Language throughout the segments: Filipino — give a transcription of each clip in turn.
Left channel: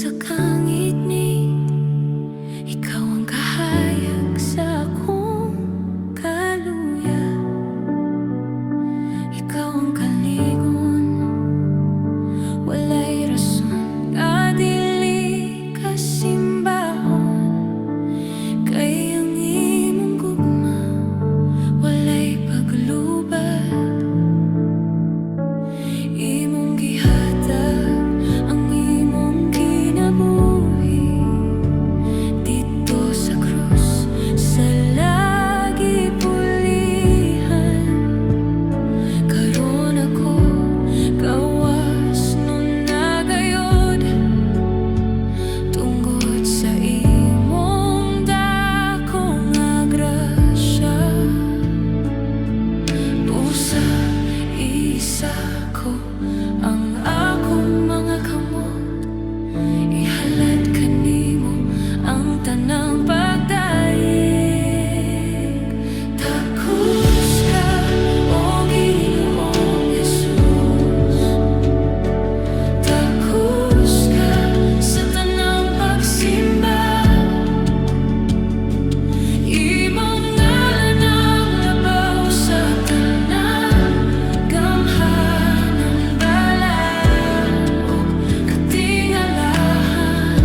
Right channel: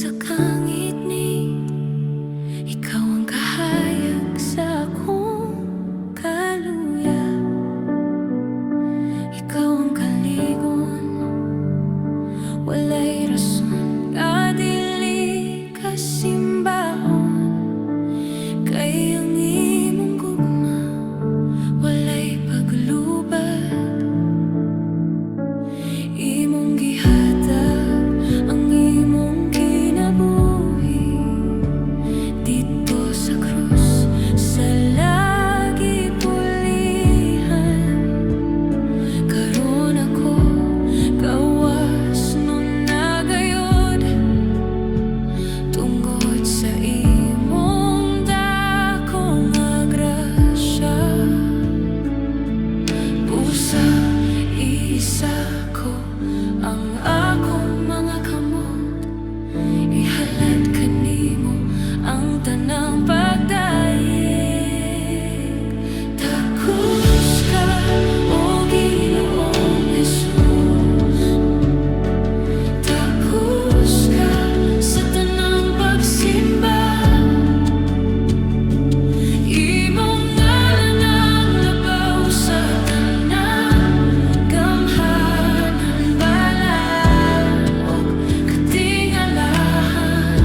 sa kangit-ngit, ikaw ang kahayag sa akong kaluya. Ikaw ang kaligon, walay rason nga dili kasimbahon. Kay ang imong gugma, walay paglubad. Imong gihatag ang imong kinabuhi dito sa krus, sa lagi pulihan. Karon ako gawas nun nagayod, tungod sa imong dakong grasya. Busa isa ko ang akong mga kamot, ihalad kanimo ang tanang pagdayeg. Takus ka, o Ginoong Jesus. Takus ka sa tanang pagsimba. Imong ngalan ang labaw sa tanan, gamhanan, balaan, ug katingalahan.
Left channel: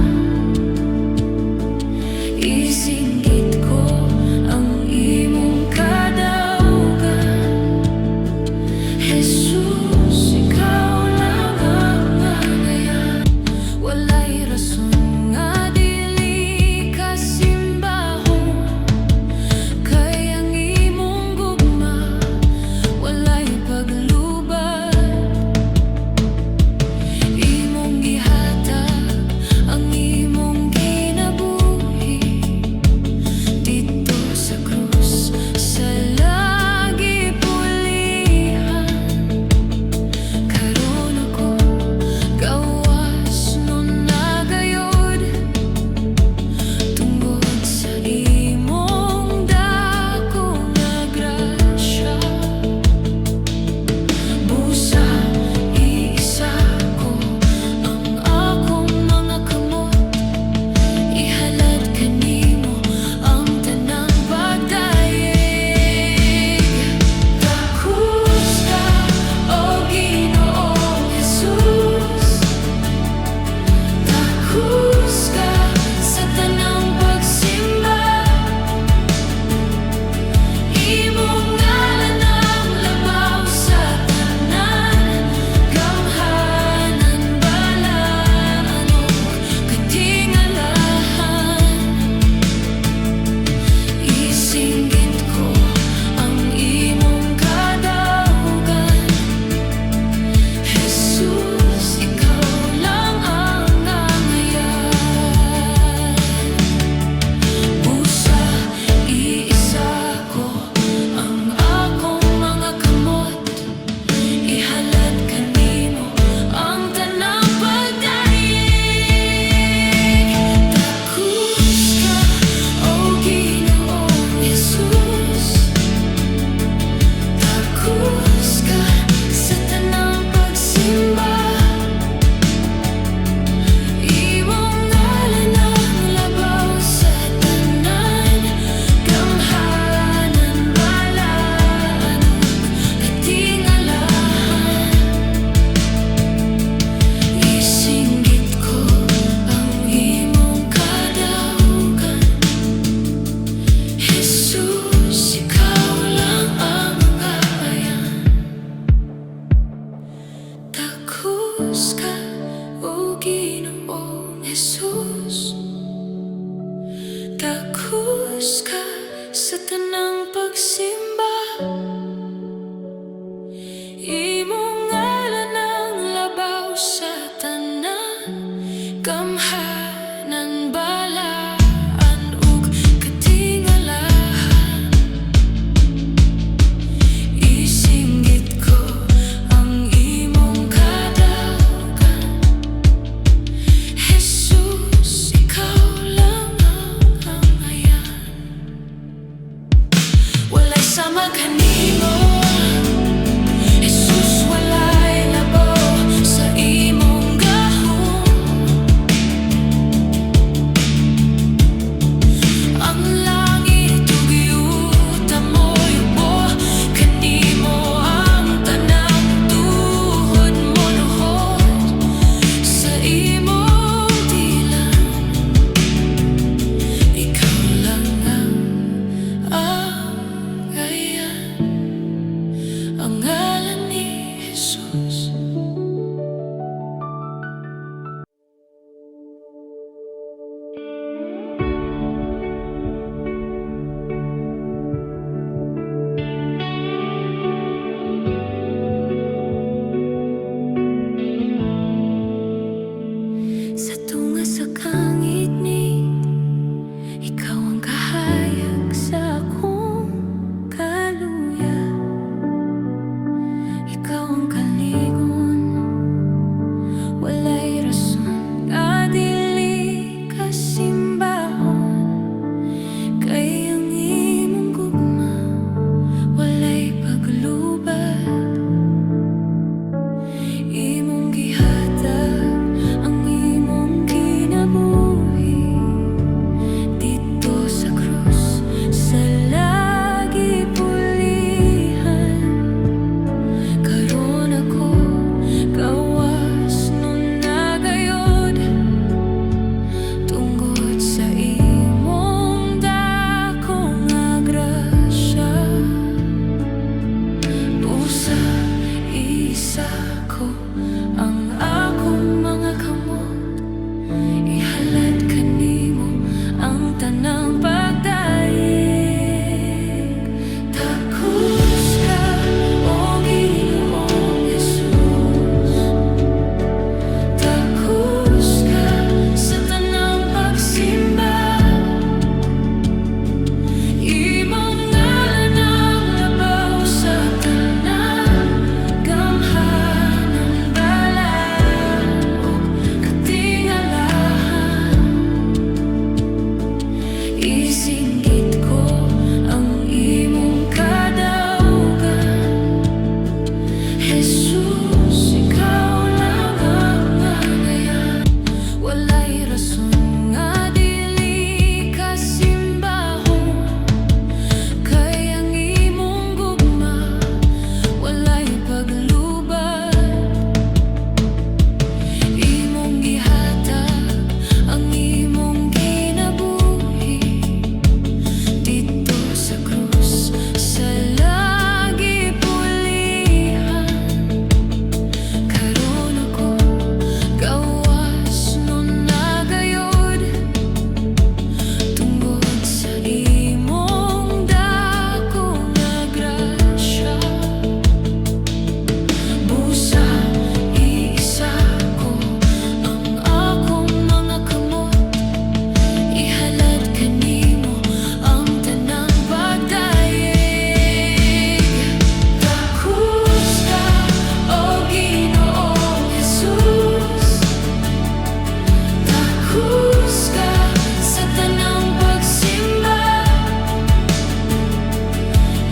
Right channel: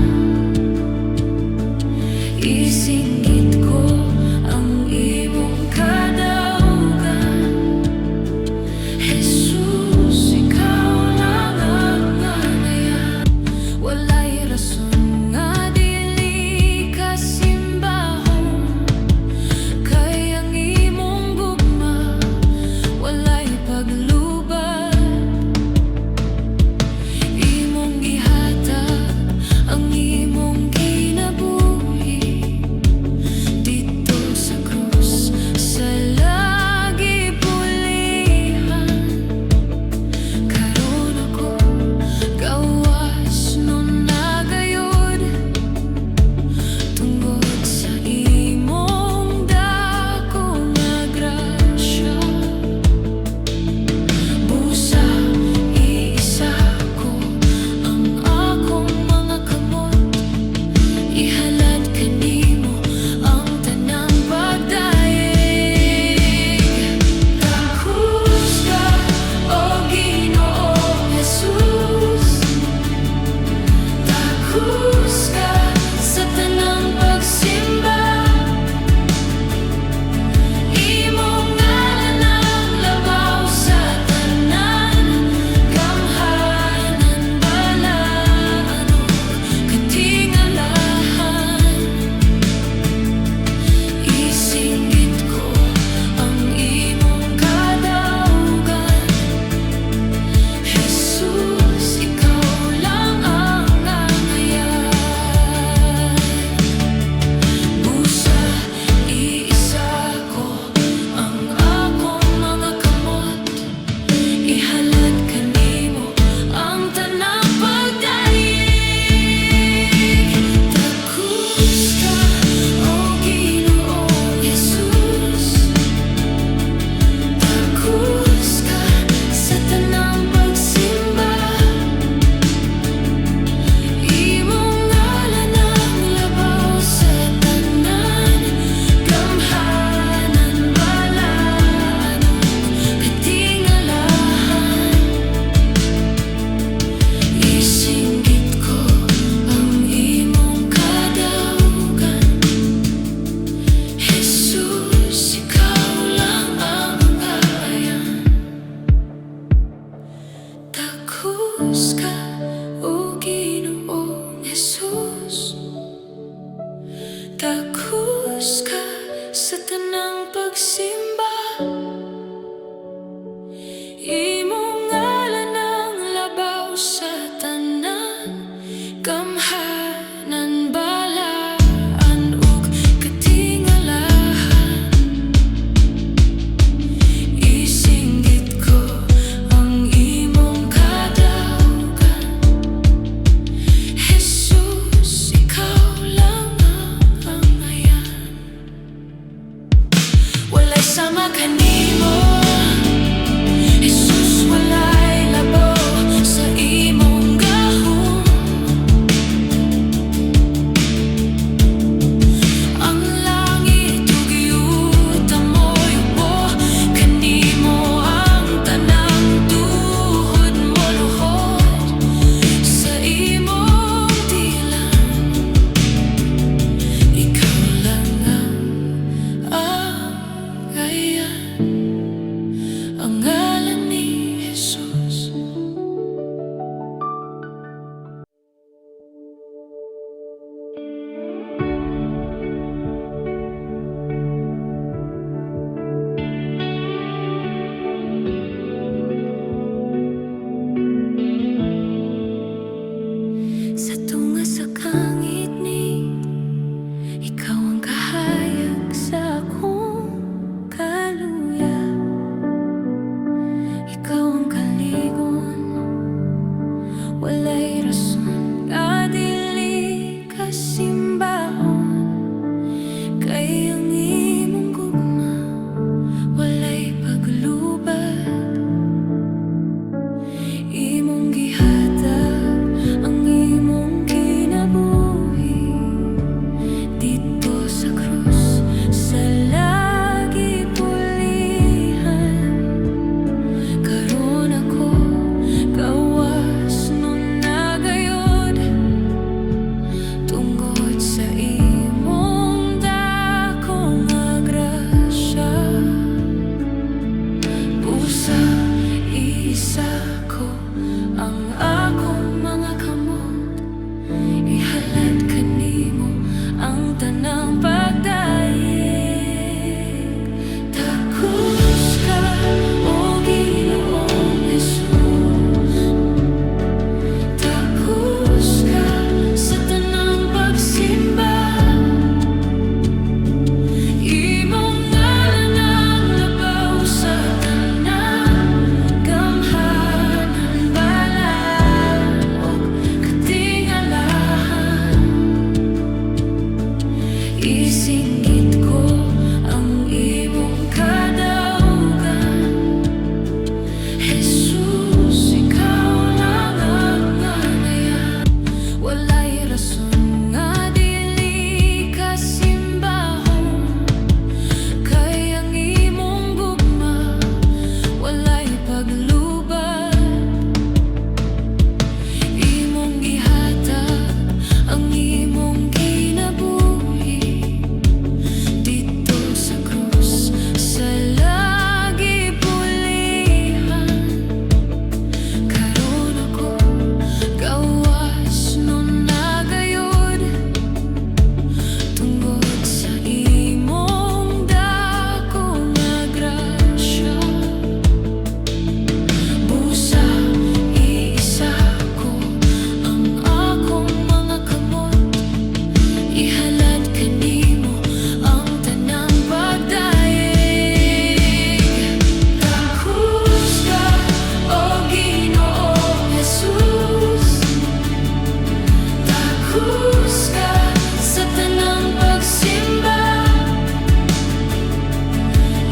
Isinggit ko ang imong kadaugan, Jesus, ikaw lang ang ngayan. Walay rason nga dili kasimbahon, kay ang imong gugma, walay paglubad. Imong gihatag ang imong kinabuhi dito sa krus, sa lagi pulihan. Karon ako gawas nun nagayod, tungod sa imong dakong grasya. Busa iisa ko ang akong mga kamot, ihalad kanimo ang tanang pagdayeg. Takus ka, o Ginoong Jesus. Takus ka sa tanang pagsimba. Imong ngalan ang labaw sa tanan, gamhanan, balaan, ug katingalahan. Isinggit ko ang imong kadaugan, Jesus, ikaw lang ang ngayan. Busa iisa ko ang akong mga kamot, ihalad kanimo ang tanang pagdayeg. Takus ka, o Ginoong Jesus. Takus ka sa tanang pagsimba. Imong ngalan ang labaw sa tanan, gamhanan, balaan, ug katingalahan. Isinggit ko ang imong kadaugan, Jesus, ikaw lang ang ngayan. Takus ka, o Ginoong Jesus. Takus ka sa tanang pagsimba. Imong ngalan ang labaw sa tanan, gamhanan, balaan, ug katingalahan. Isinggit ko ang imong kadaugan, Jesus, ikaw lang ang ngayan. Walay sama sa kangit-ngit. Ikaw ang kahayag sa akong kaluya. Ikaw ang kaligon, walay rason nga dili kasimbahon. Kay ang imong gugma, walay paglubad. Imong gihatag ang imong kinabuhi dito sa krus, sa lagi pulihan. Karon ako gawas nun nagayod, tungod sa imong dakong grasya. Busa isa ko ang akong mga kamot, ihalad kanimo ang tanang pagdayeg. Takus ka, o Ginoong Jesus. Takus ka sa tanang pagsimba. Imong ngalan ang labaw sa tanan, gamhanan, balaan, ug katingalahan. Isinggit ko ang imong kadaugan, Jesus, ikaw lang ang ngayan. Walay rason nga dili kasimbahon. Kay ang imong gugma, walay paglubad. Imong gihatag ang imong kinabuhi dito sa krus, sa lagi pulihan. Karon ako gawas nun nagayod, tungod sa imong dakong grasya. Busa iisa ko ang akong mga kamot, ihalad kanimo ang tanang pagdayeg. Takus ka, o Ginoong Jesus. Takus ka sa tanang pagsimba.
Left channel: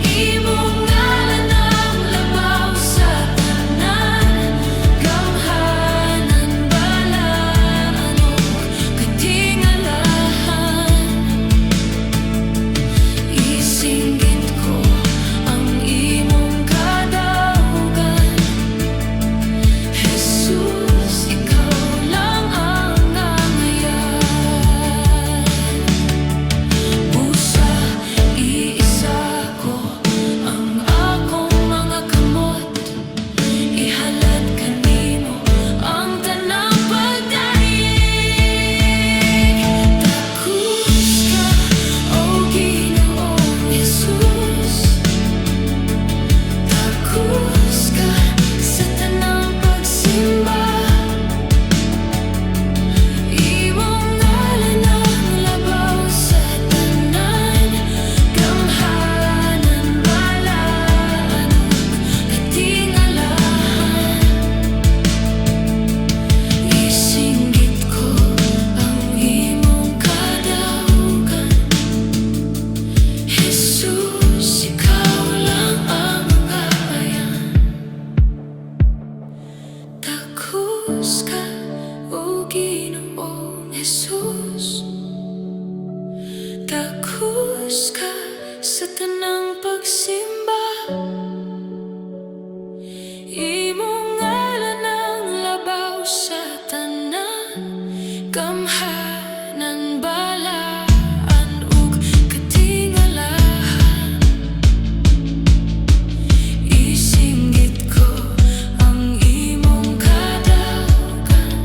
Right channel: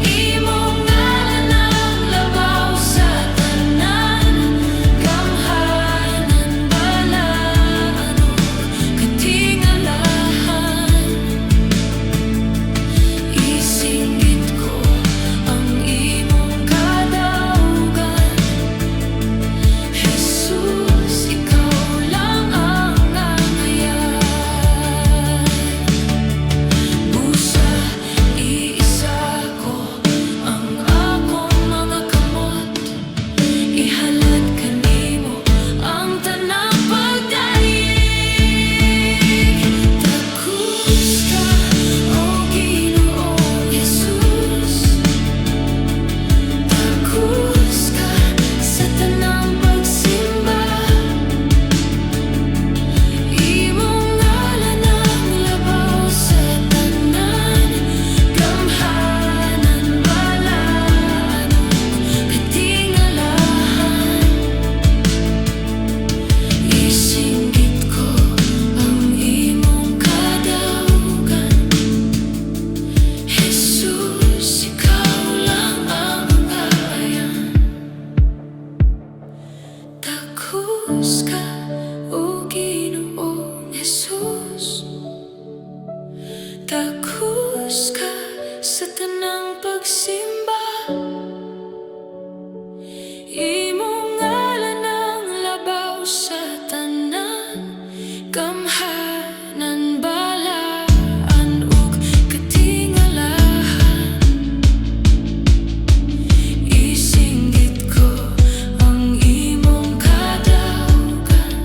Imong ngalan ang labaw sa tanan, gamhanan, balaan, ug katingalahan. Isinggit ko ang imong kadaugan, Jesus, ikaw lang ang ngayan. Busa iisa ko ang akong mga kamot, ihalad kanimo ang tanang pagdayeg. Takus ka, o Ginoong Jesus. Takus ka sa tanang pagsimba. Imong ngalan ang labaw sa tanan, gamhanan, balaan, ug katingalahan. Isinggit ko ang imong kadaugan, Jesus, ikaw lang ang ngayan. Takus ka, o Ginoong Jesus. Takus ka sa tanang pagsimba. Imong ngalan ang labaw sa tanan, gamhanan, balaan, ug katingalahan. Isinggit ko ang imong kadaugan,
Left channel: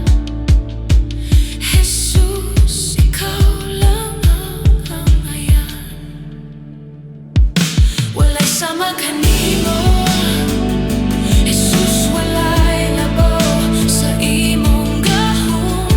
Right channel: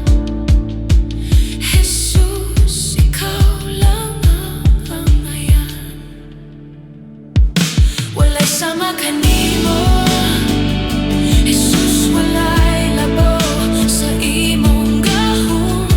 Jesus, ikaw lang ang ngayan. Walay sama kanimo, Jesus, walay labaw sa imong gahom.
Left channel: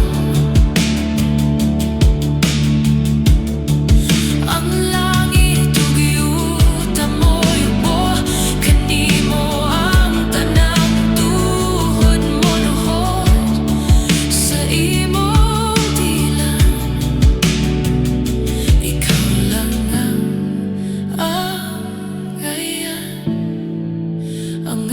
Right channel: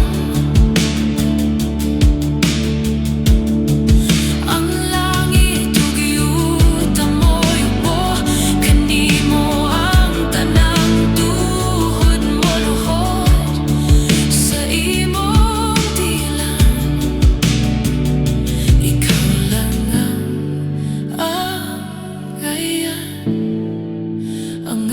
ang